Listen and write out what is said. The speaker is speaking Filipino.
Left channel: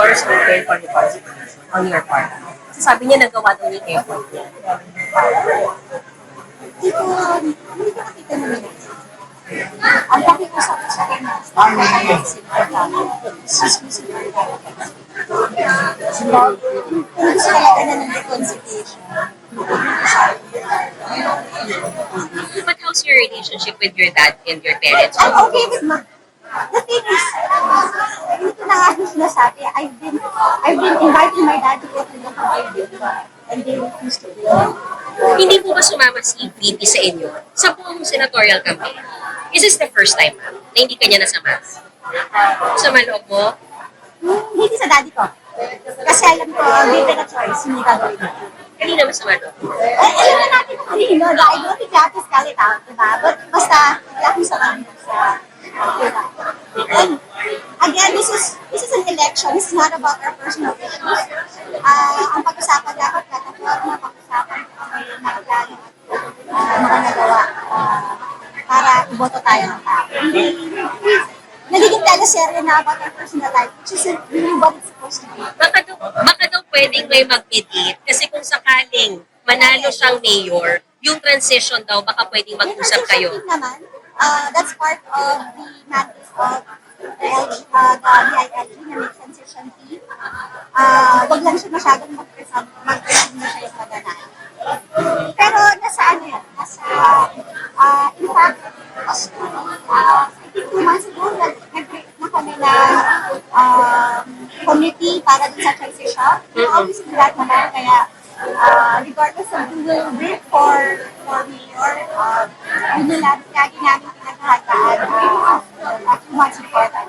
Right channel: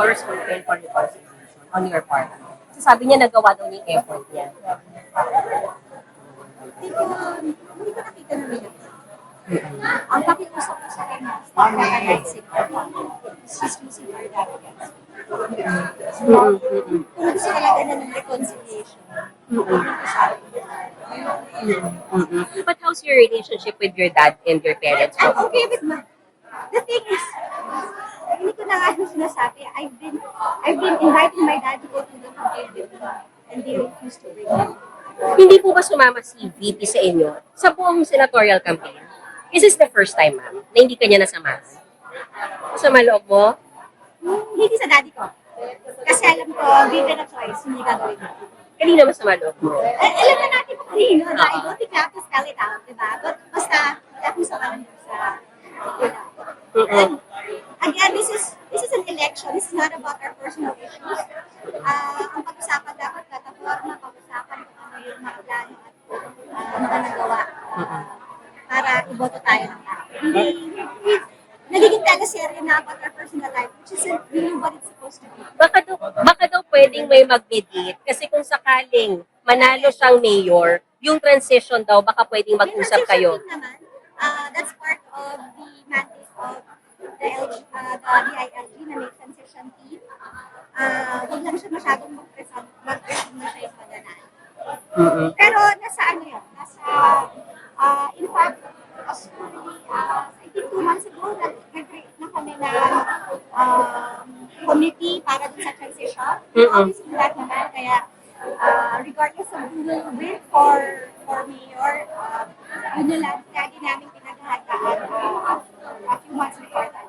doors open for reconciliation on your part? Kasi sabi niya nagawa daw yung effort niya. Hindi ko nakita na nila. Ang pakiusap ko sa kanya, stop na tayo sususin ang gagawin. Kung gusto talaga na ng reconciliation, But how's your relationship with your dad and your parents? I'm okay with ma. The thing is, hindi ko na nga sinasabi, I've been inviting my dad to go to the company and they refuse to bring me. Hindi po ba sumama si VP sa inyo sa buong senatorial campaign? Is this the first time, ma'am, na hindi kanya nasama? Sa maloob mo? Hindi sa daddy ko. Kasi alam ko, given a choice, hindi gagawin mo. Kanina masama loob mo. Alam na natin kung kanino, dahil don't think you have to spell it out, diba? But basta, wala akong sa kanino sa diba? And again, this is an election. This is not about our personal issues. Ang pag-usapan dapat, plataforma, pag-usapan kung ano yung mga plano at mga nagawa para iboto tayo ng tao. Nagiging teleserye na about our personal life, which isn't really what it's supposed to be. Baka daw pwedeng may mag-mediate kasi kung sakaling manalo siyang mayor, yung transition daw, baka pwedeng mag-usap kayo. Yung naman, that's part of the mandate of the BILG na may transition team. Wag lang siya masyadong mag-presume na siya yung mananalo. Pero nasa ano yan? In fact, I think 2 months ago, nag-create na kami ng committee para dun sa transition. Obviously, lahat naman, kaya regardless of who will bid for mayor, yun yung lagi namin pinaghahandaan a few months before that.